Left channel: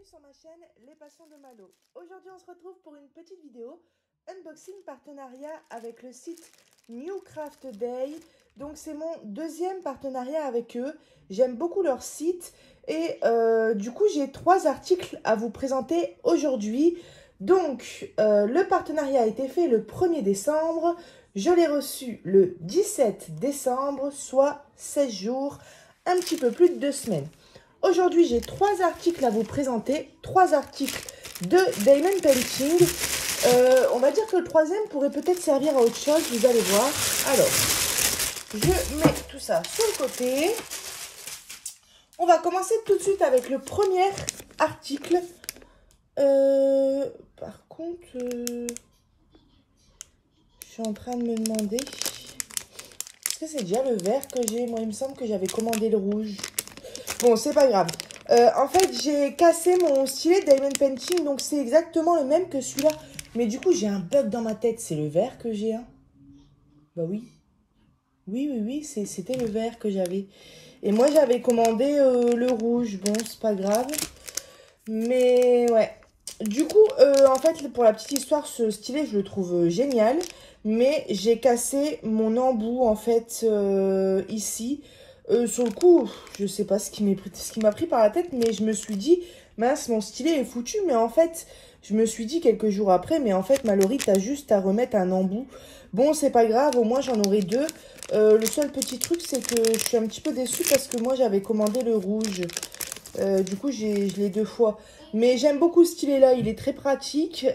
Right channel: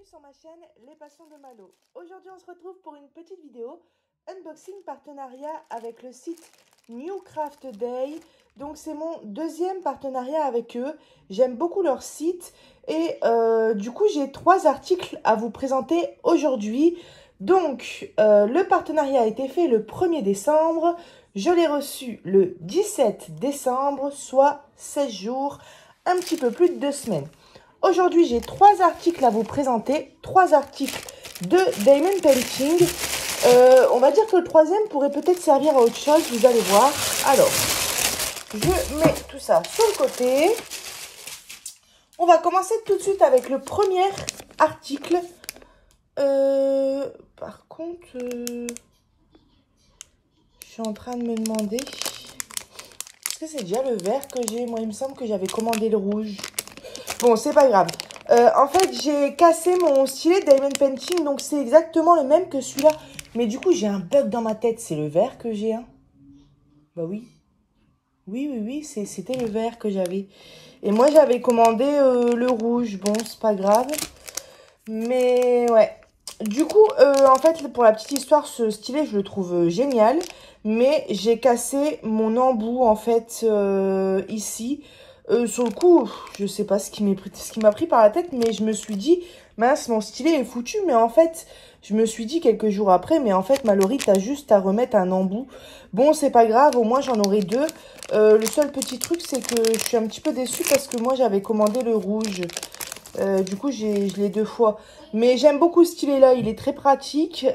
bienvenue sur ma chaîne Les Passions de Malo. Aujourd'hui on se retrouve pour une petite vidéo unboxing partenariat avec le site New Craft Day. Donc c'est mon deuxième partenariat avec eux, j'aime beaucoup leur site et du coup j'ai 3 articles à vous présenter aujourd'hui. Donc le partenariat a été fait le 1er décembre, je l'ai reçu le 17 décembre, soit 16 jours, un petit peu plus de 2 semaines. Aujourd'hui, j'ai 3 articles à vous présenter, 3 articles de Diamond Painting. On va dire que le troisième pourrait peut-être servir à autre chose, vous allez voir. Alors, je mets tout ça sur le côté. On va commencer tout de suite avec le premier article. Par contre, je suis en train de me demander, est-ce que c'est déjà le vert que j'ai? Moi, il me semble que j'avais commandé le rouge. Bon, c'est pas grave. En fait, j'ai cassé mon stylet Diamond Painting, donc c'est exactement le même que celui-là. Mais du coup, j'ai un bug dans ma tête. C'est le vert que j'ai, hein? Bah oui. Oui, c'était le vert que j'avais. Et moi, j'avais commandé le rouge. Bon, c'est pas grave. Mais ouais. Du coup, en fait, pour la petite histoire, ce stylet, je le trouve génial. Mais j'ai cassé mon embout, en fait, ici. Sur le coup, je sais pas ce qui m'a pris par la tête, mais je me suis dit, mince, mon stylet est foutu. Mais en fait, je me suis dit quelques jours après, mais en fait, Mallory, t'as juste à remettre un embout. Bon, c'est pas grave, au moins j'en aurai 2. Le seul petit truc, c'est que je suis un petit peu déçue parce que moi, j'avais commandé le rouge. Du coup, je l'ai 2 fois. Mais j'aime beaucoup ce stylet-là, il est très pratique.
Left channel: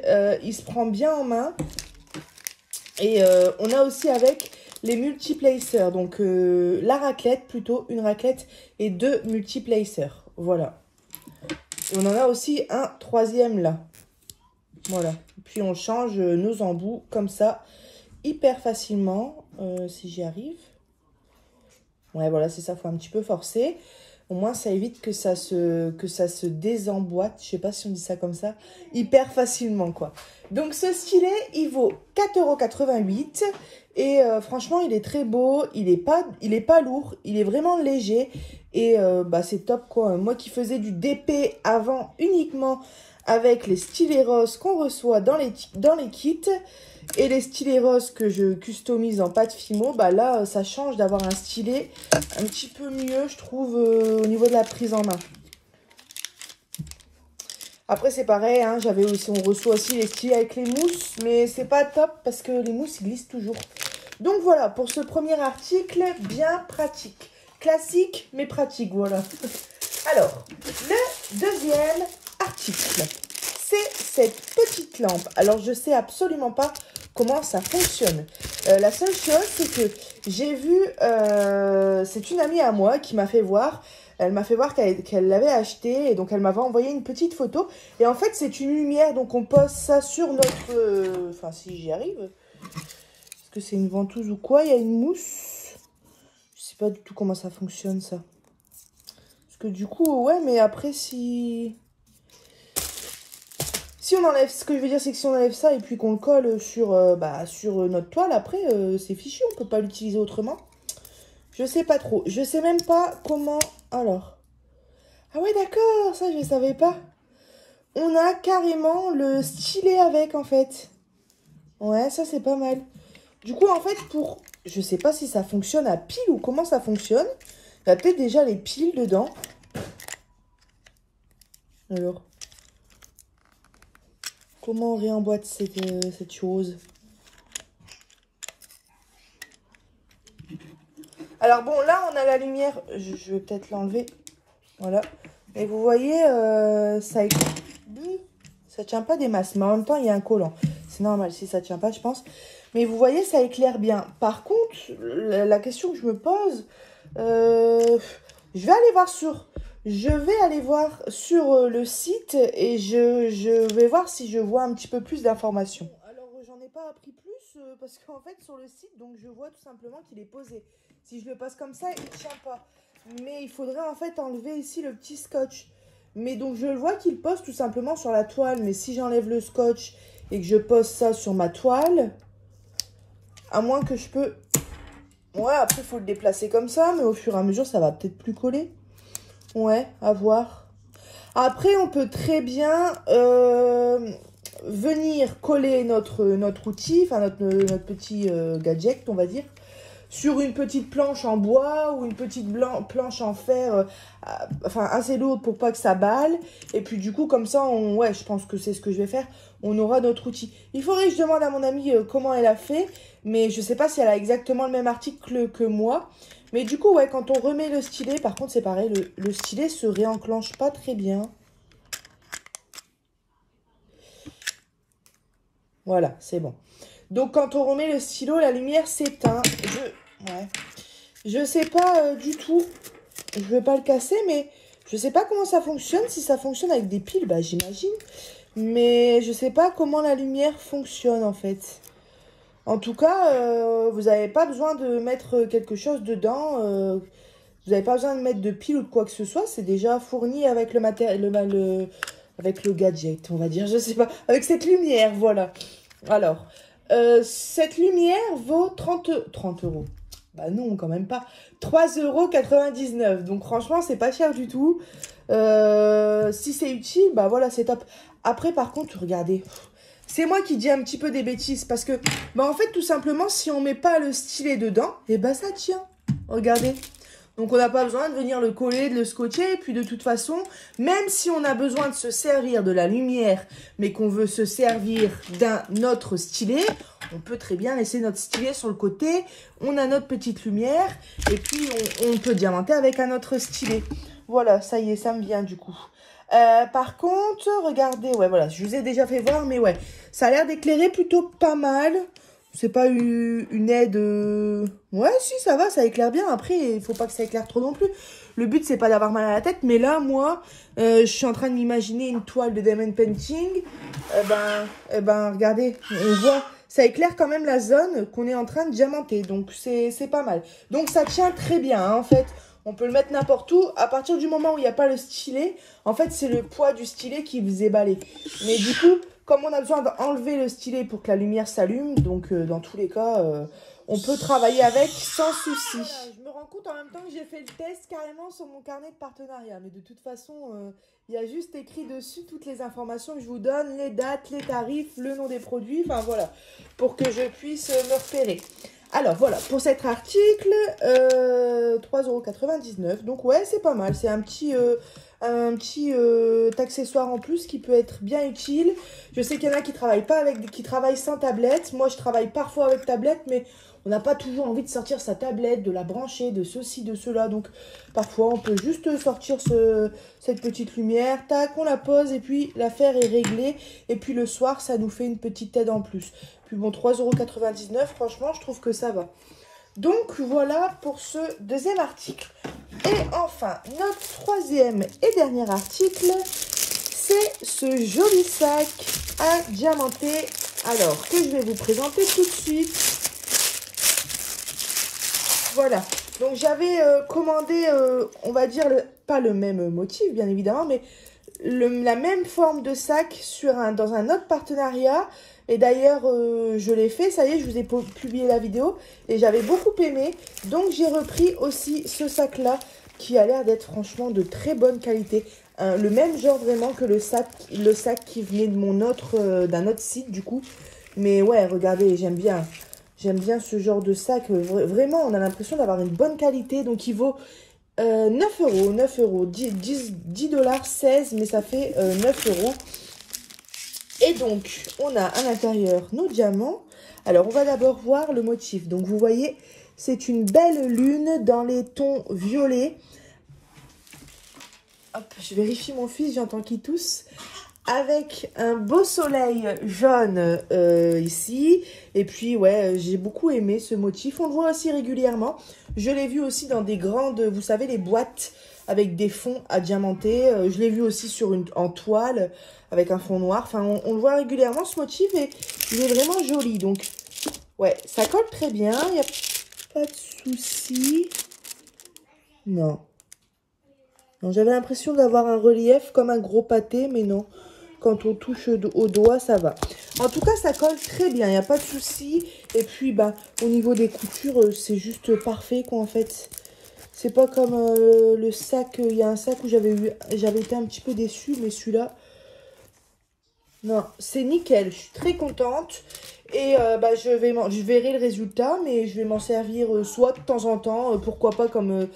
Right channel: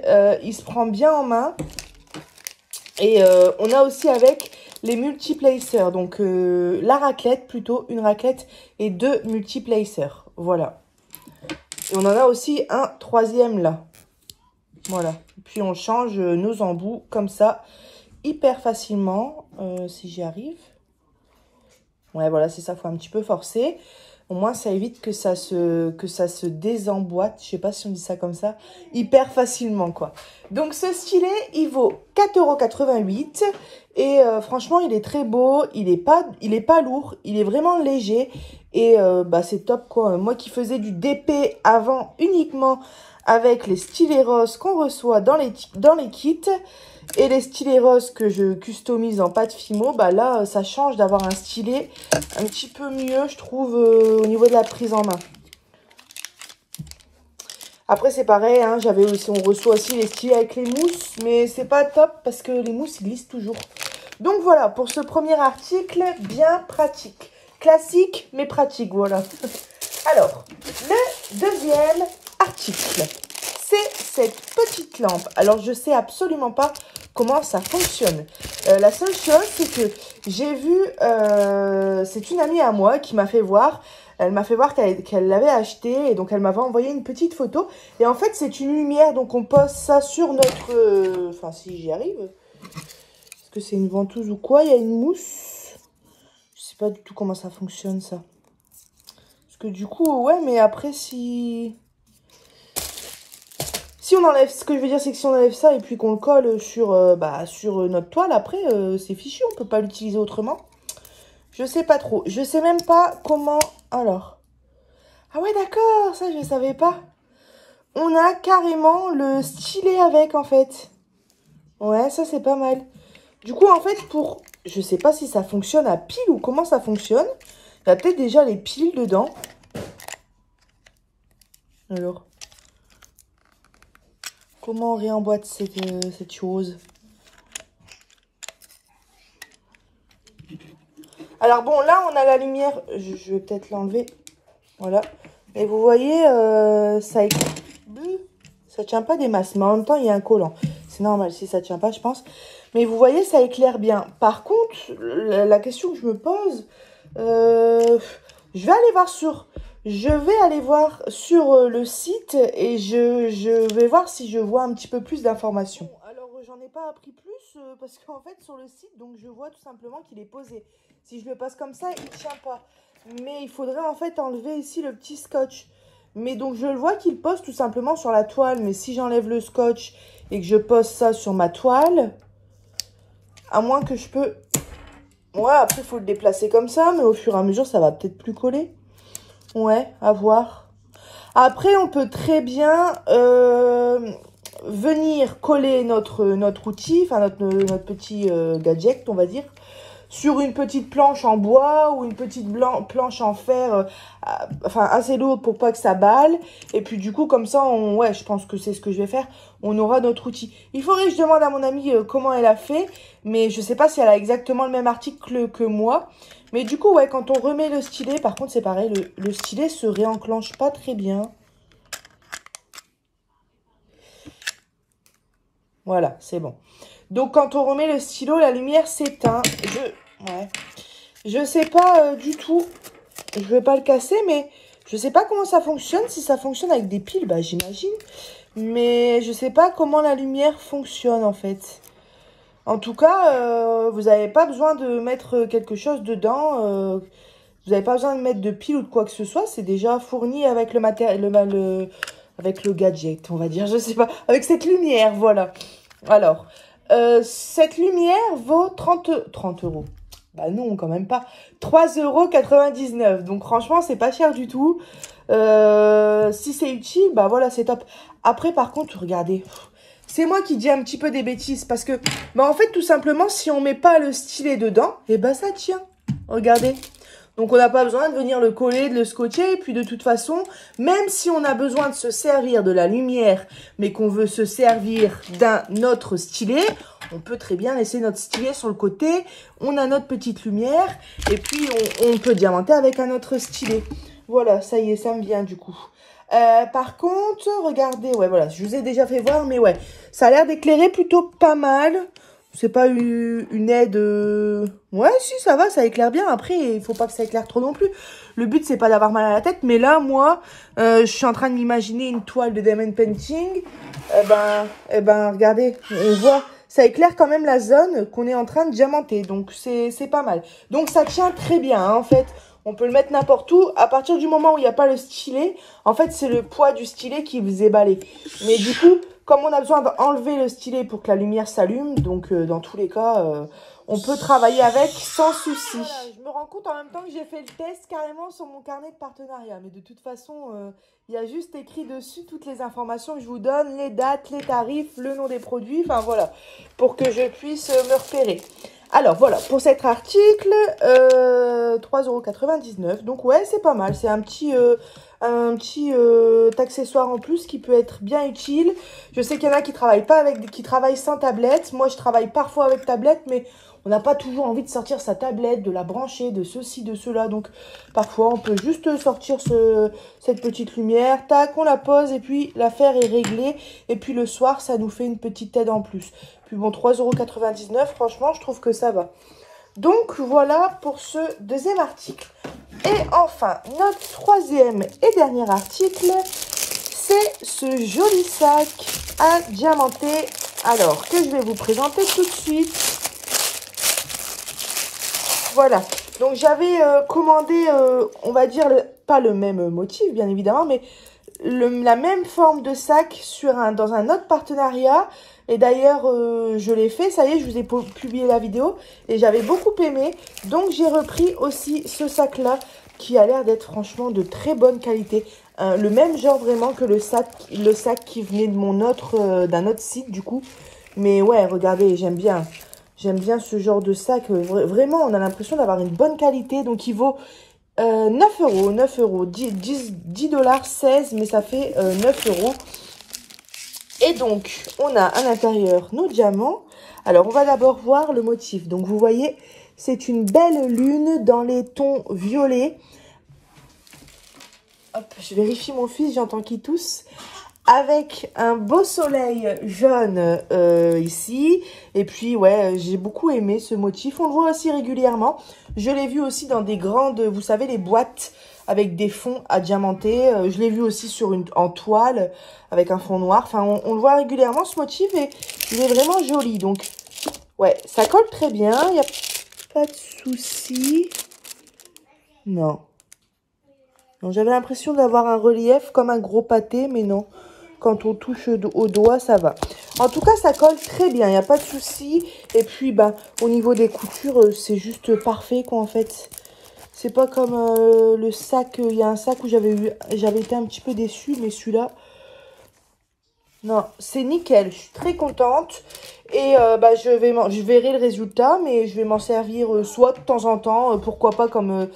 Il se prend bien en main. Et on a aussi avec les multiplacers, donc la raclette plutôt, une raclette et 2 multiplacers, voilà. Et on en a aussi un 3e là, voilà. Et puis on change nos embouts comme ça, hyper facilement, si j'y arrive. Ouais, voilà, c'est ça, faut un petit peu forcer. Au moins, ça évite que ça se désemboîte, je sais pas si on dit ça comme ça, hyper facilement, quoi. Donc, ce stylet, il vaut 4,88 € et franchement, il est très beau, il est pas lourd, il est vraiment léger et bah, c'est top, quoi. Moi qui faisais du DP avant uniquement avec les stylets roses qu'on reçoit dans les kits et les stylets roses que je customise en pâte Fimo, bah là, ça change d'avoir un stylet un petit peu mieux, je trouve, au niveau de la prise en main. Après, c'est pareil, hein, on reçoit aussi les stylets avec les mousses, mais c'est pas top parce que les mousses, ils glissent toujours. Donc voilà, pour ce premier article, bien pratique. Classique, mais pratique, voilà. Alors, le deuxième article, c'est cette petite lampe. Alors, je sais absolument pas comment ça fonctionne. La seule chose, c'est que j'ai vu, c'est une amie à moi qui m'a fait voir. Elle m'a fait voir qu'elle l'avait acheté et donc elle m'avait envoyé une petite photo. Et en fait, c'est une lumière, donc on pose ça sur notre... Enfin, si j'y arrive. Est-ce que c'est une ventouse ou quoi? Il y a une mousse. Je sais pas du tout comment ça fonctionne, ça. Parce que du coup, ouais, mais après, si on enlève, ce que je veux dire, c'est que si on enlève ça et puis qu'on le colle sur notre toile, après, c'est fichu, on peut pas l'utiliser autrement. Je sais pas trop. Je sais même pas comment... Alors. Ah ouais, d'accord, ça, je savais pas. On a carrément le stylet avec, en fait. Ouais, ça, c'est pas mal. Du coup, en fait, je sais pas si ça fonctionne à pile ou comment ça fonctionne. Il y a peut-être déjà les piles dedans. Alors. Comment on réemboîte cette chose? Alors bon, là, on a la lumière. Je vais peut-être l'enlever. Voilà. Et vous voyez, ça tient pas des masses. Mais en même temps, il y a un collant. C'est normal si ça tient pas, je pense. Mais vous voyez, ça éclaire bien. Par contre, la question que je me pose, je vais aller voir sur le site et je vais voir si je vois un petit peu plus d'informations. Alors, j'en ai pas appris plus parce qu'en fait, sur le site, donc je vois tout simplement qu'il est posé. Si je le pose comme ça, il ne tient pas. Mais il faudrait en fait enlever ici le petit scotch. Mais donc, je le vois qu'il pose tout simplement sur la toile. Mais si j'enlève le scotch et que je pose ça sur ma toile, à moins que je peux... Ouais, après, il faut le déplacer comme ça. Mais au fur et à mesure, ça va peut-être plus coller. Ouais, à voir. Après, on peut très bien venir coller notre outil, enfin notre petit gadget, on va dire, sur une petite planche en bois ou une petite planche en fer, enfin assez lourde pour pas que ça balle. Et puis du coup, comme ça, ouais, je pense que c'est ce que je vais faire. On aura notre outil. Il faudrait que je demande à mon amie comment elle a fait, mais je sais pas si elle a exactement le même article que moi. Mais du coup, ouais, quand on remet le stylet, par contre, c'est pareil, le stylet se réenclenche pas très bien. Voilà, c'est bon. Donc, quand on remet le stylo, la lumière s'éteint. Ouais. Je sais pas du tout. Je vais pas le casser, mais je sais pas comment ça fonctionne. Si ça fonctionne avec des piles, bah j'imagine. Mais je sais pas comment la lumière fonctionne, en fait. En tout cas, vous n'avez pas besoin de mettre quelque chose dedans. Vous n'avez pas besoin de mettre de pile ou de quoi que ce soit. C'est déjà fourni avec le matériel, avec le gadget, on va dire. Je sais pas. Avec cette lumière, voilà. Alors, cette lumière vaut 30 euros. Bah non, quand même pas. 3,99 €. Donc franchement, c'est pas cher du tout. Si c'est utile, bah voilà, c'est top. Après, par contre, regardez. C'est moi qui dis un petit peu des bêtises parce que, bah en fait, tout simplement, si on met pas le stylet dedans, et bah ça tient. Regardez. Donc, on n'a pas besoin de venir le coller, de le scotcher. Et puis, de toute façon, même si on a besoin de se servir de la lumière, mais qu'on veut se servir d'un autre stylet, on peut très bien laisser notre stylet sur le côté. On a notre petite lumière. Et puis, on peut diamanter avec un autre stylet. Voilà, ça y est, ça me vient du coup. Par contre, regardez, ouais, voilà, je vous ai déjà fait voir, mais ouais, ça a l'air d'éclairer plutôt pas mal. C'est pas une aide... Ouais, si, ça va, ça éclaire bien. Après, il faut pas que ça éclaire trop non plus. Le but, c'est pas d'avoir mal à la tête. Mais là, moi, je suis en train de m'imaginer une toile de diamond painting. Eh ben, regardez, on voit... Ça éclaire quand même la zone qu'on est en train de diamanter. Donc, c'est pas mal. Donc, ça tient très bien, hein, en fait. On peut le mettre n'importe où. À partir du moment où il n'y a pas le stylet, en fait, c'est le poids du stylet qui vous éballé. Mais du coup, comme on a besoin d'enlever le stylet pour que la lumière s'allume, donc dans tous les cas, on peut travailler avec sans souci. Voilà, je me rends compte en même temps que j'ai fait le test carrément sur mon carnet de partenariat. Mais de toute façon, il y a juste écrit dessus toutes les informations que je vous donne, les dates, les tarifs, le nom des produits, enfin voilà, pour que je puisse me repérer. Alors voilà, pour cet article, 3,99 €. Donc ouais, c'est pas mal. C'est un petit accessoire en plus qui peut être bien utile. Je sais qu'il y en a qui travaillent pas avec, qui travaillent sans tablette. Moi, je travaille parfois avec tablette, mais on n'a pas toujours envie de sortir sa tablette, de la brancher, de ceci, de cela. Donc parfois, on peut juste sortir cette petite lumière. Tac, on la pose et puis l'affaire est réglée. Et puis le soir, ça nous fait une petite aide en plus. Puis bon, 3,99 €, franchement, je trouve que ça va. Donc, voilà pour ce deuxième article. Et enfin, notre troisième et dernier article, c'est ce joli sac à diamanter. Alors, que je vais vous présenter tout de suite. Voilà. Donc, j'avais commandé, on va dire, pas le même motif, bien évidemment, mais la même forme de sac dans un autre partenariat. Et d'ailleurs, je l'ai fait, ça y est, je vous ai publié la vidéo et j'avais beaucoup aimé. Donc, j'ai repris aussi ce sac-là qui a l'air d'être franchement de très bonne qualité. Le même genre vraiment que le sac qui venait de d'un autre site du coup. Mais ouais, regardez, j'aime bien ce genre de sac. Vraiment, on a l'impression d'avoir une bonne qualité. Donc, il vaut 9 €, 10 $, 16, mais ça fait 9 €. Et donc, on a à l'intérieur nos diamants. Alors, on va d'abord voir le motif. Donc, vous voyez, c'est une belle lune dans les tons violets. Hop, je vérifie mon fils, j'entends qu'il tousse. Avec un beau soleil jaune ici. Et puis, ouais, j'ai beaucoup aimé ce motif. On le voit aussi régulièrement. Je l'ai vu aussi dans des grandes, vous savez, les boîtes avec des fonds à diamanter. Je l'ai vu aussi en toile avec un fond noir. Enfin, on le voit régulièrement ce motif et il est vraiment joli. Donc, ouais, ça colle très bien. Il n'y a pas de souci. Non. J'avais l'impression d'avoir un relief comme un gros pâté, mais non. Quand on touche au doigt, ça va. En tout cas, ça colle très bien. Il n'y a pas de souci. Et puis, bah, au niveau des coutures, c'est juste parfait, quoi, en fait. C'est pas comme le sac. Il y a un sac où j'avais été un petit peu déçue, mais celui-là, non, c'est nickel. Je suis très contente. Et je verrai le résultat, mais je vais m'en servir soit de temps en temps, pourquoi pas comme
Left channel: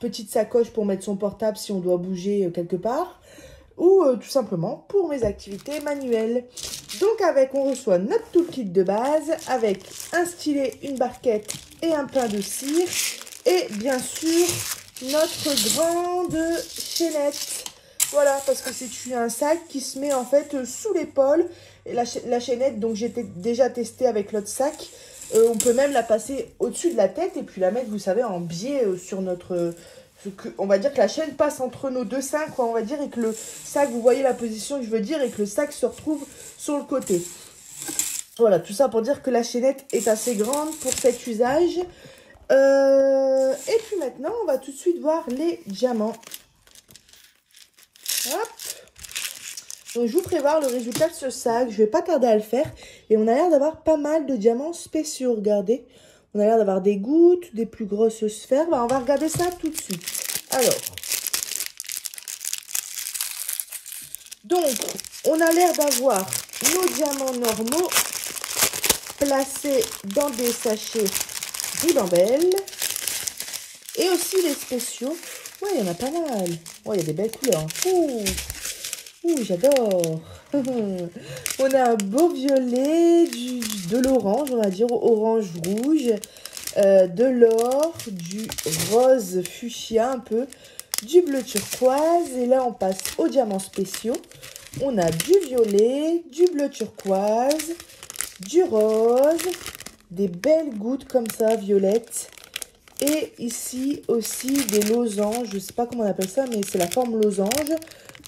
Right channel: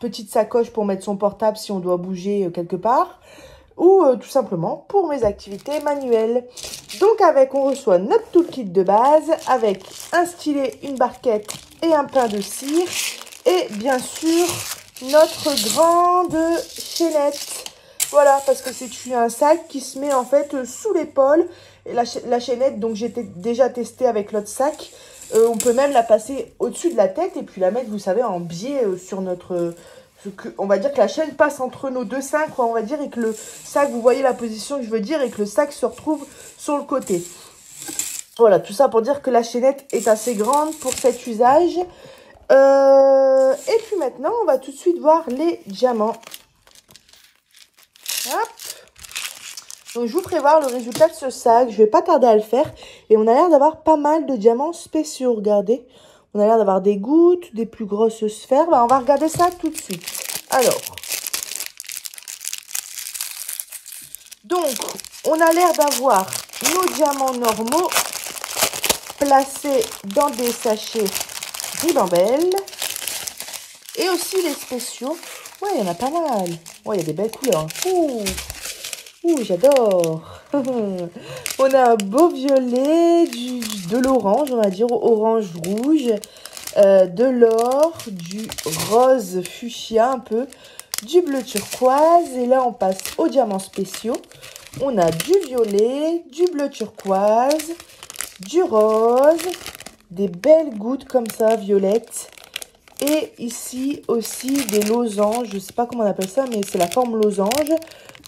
petite sacoche pour mettre son portable si on doit bouger quelque part, ou tout simplement pour mes activités manuelles. Donc on reçoit notre tout kit de base avec un stylet, une barquette et un pain de cire, et bien sûr notre grande chaînette. Voilà, parce que c'est un sac qui se met en fait sous l'épaule. Et la chaînette, donc j'ai déjà testé avec l'autre sac. On peut même la passer au-dessus de la tête et puis la mettre, vous savez, en biais sur notre... on va dire que la chaîne passe entre nos deux seins, quoi, on va dire, et que le sac, vous voyez la position que je veux dire, et que le sac se retrouve sur le côté. Voilà, tout ça pour dire que la chaînette est assez grande pour cet usage. Et puis maintenant, on va tout de suite voir les diamants. Hop. Donc, je vous prévois le résultat de ce sac. Je vais pas tarder à le faire. Et on a l'air d'avoir pas mal de diamants spéciaux. Regardez. On a l'air d'avoir des gouttes, des plus grosses sphères. On va regarder ça tout de suite. Alors. Donc, on a l'air d'avoir nos diamants normaux placés dans des sachets ribambelle. Et aussi les spéciaux. Ouais, il y en a pas mal. Ouais, il y a des belles couleurs. Ouh, j'adore. On a un beau violet, de l'orange, on va dire, orange-rouge, de l'or, du rose fuchsia un peu, du bleu turquoise. Et là, on passe aux diamants spéciaux. On a du violet, du bleu turquoise, du rose, des belles gouttes comme ça, violettes. Et ici aussi des losanges, je ne sais pas comment on appelle ça, mais c'est la forme losange,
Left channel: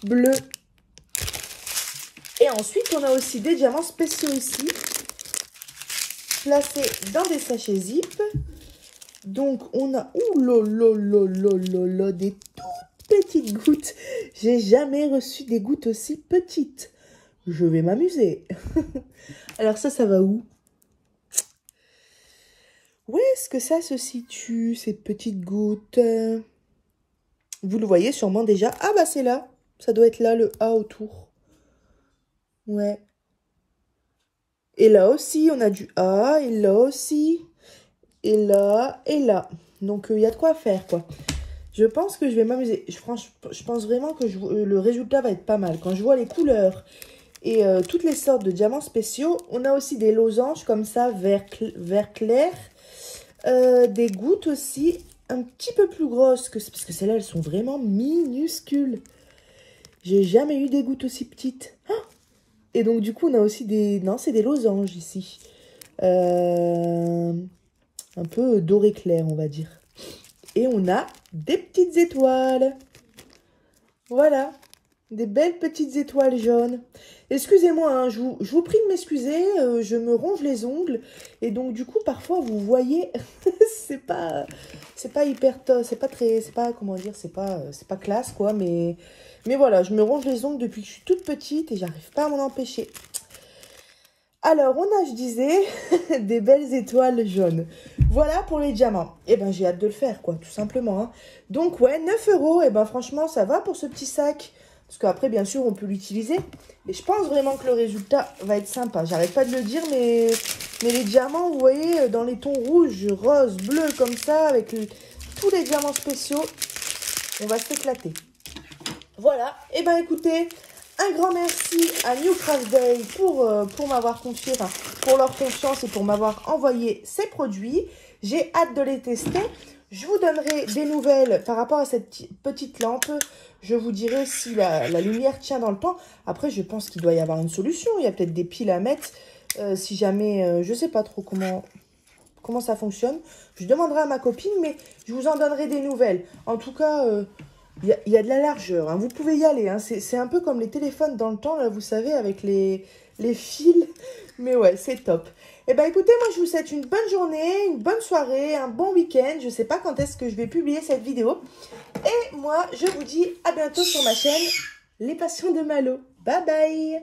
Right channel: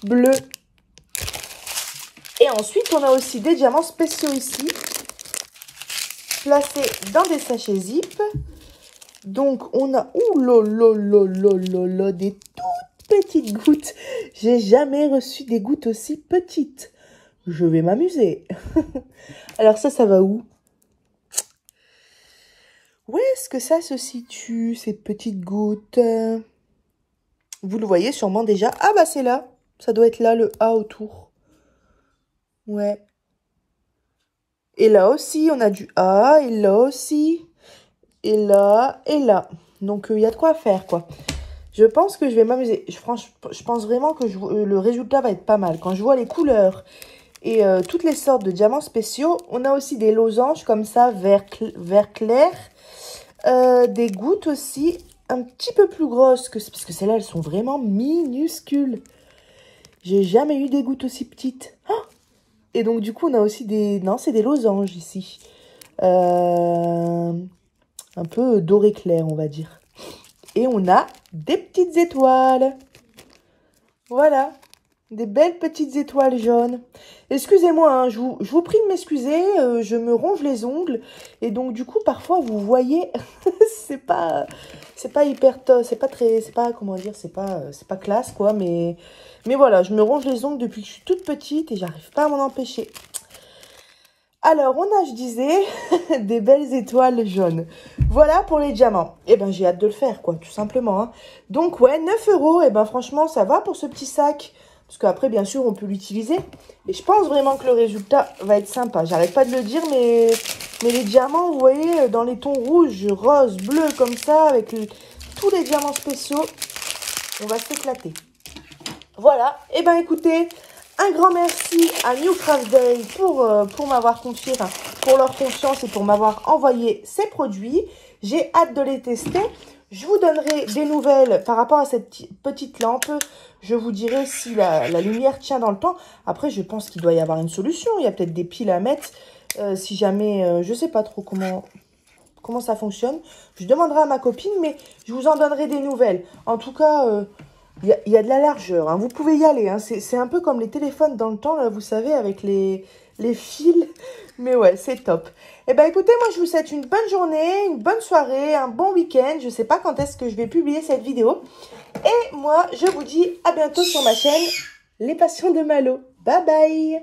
bleu. Et ensuite, on a aussi des diamants spéciaux ici, placés dans des sachets zip. Donc, on a, des toutes petites gouttes. J'ai jamais reçu des gouttes aussi petites. Je vais m'amuser. Alors ça va où? Où est-ce que ça se situe, ces petites gouttes? Vous le voyez sûrement déjà. Ah bah c'est là. Ça doit être là, le A autour. Ouais. Et là aussi, on a du A. Et là aussi. Et là. Et là. Donc, il y a de quoi faire, quoi. Je pense que je vais m'amuser. Je pense vraiment que le résultat va être pas mal. Quand je vois les couleurs et toutes les sortes de diamants spéciaux, on a aussi des losanges comme ça, vert clair. Des gouttes aussi, un petit peu plus grosses, parce que celles-là, elles sont vraiment minuscules. J'ai jamais eu des gouttes aussi petites. Oh, et donc, du coup, on a aussi des... Non, c'est des losanges ici. Un peu doré clair, on va dire. Et on a des petites étoiles. Voilà. Des belles petites étoiles jaunes. Excusez-moi, hein, je vous prie de m'excuser, je me ronge les ongles. Et donc, du coup, parfois, vous voyez, c'est pas hyper top, comment dire, c'est pas classe, quoi. Mais voilà, je me ronge les ongles depuis que je suis toute petite et j'arrive pas à m'en empêcher. Alors, on a, je disais, des belles étoiles jaunes. Voilà pour les diamants. Eh ben, j'ai hâte de le faire, quoi, tout simplement. Hein. Donc, ouais, 9 €. Eh ben, franchement, ça va pour ce petit sac. Parce qu'après, bien sûr, on peut l'utiliser. Et je pense vraiment que le résultat va être sympa. J'arrête pas de le dire, mais les diamants, vous voyez, dans les tons rouges, rose, bleu, comme ça, avec tous les diamants spéciaux, on va s'éclater. Voilà. Eh ben, écoutez, un grand merci à New Craft Day pour m'avoir confié, enfin, pour leur confiance et pour m'avoir envoyé ces produits. J'ai hâte de les tester. Je vous donnerai des nouvelles par rapport à cette petite lampe. Je vous dirai si la lumière tient dans le temps. Après, je pense qu'il doit y avoir une solution. Il y a peut-être des piles à mettre. Si jamais, je ne sais pas trop comment ça fonctionne. Je demanderai à ma copine, mais je vous en donnerai des nouvelles. En tout cas, il y a de la largeur. Hein. Vous pouvez y aller. Hein. C'est un peu comme les téléphones dans le temps, là, vous savez, avec les fils. Mais ouais, c'est top. Eh bien, écoutez, moi, je vous souhaite une bonne journée, une bonne soirée, un bon week-end. Je ne sais pas quand est-ce que je vais publier cette vidéo. Et moi, je vous dis à bientôt sur ma chaîne Les Passions de Malo. Bye bye.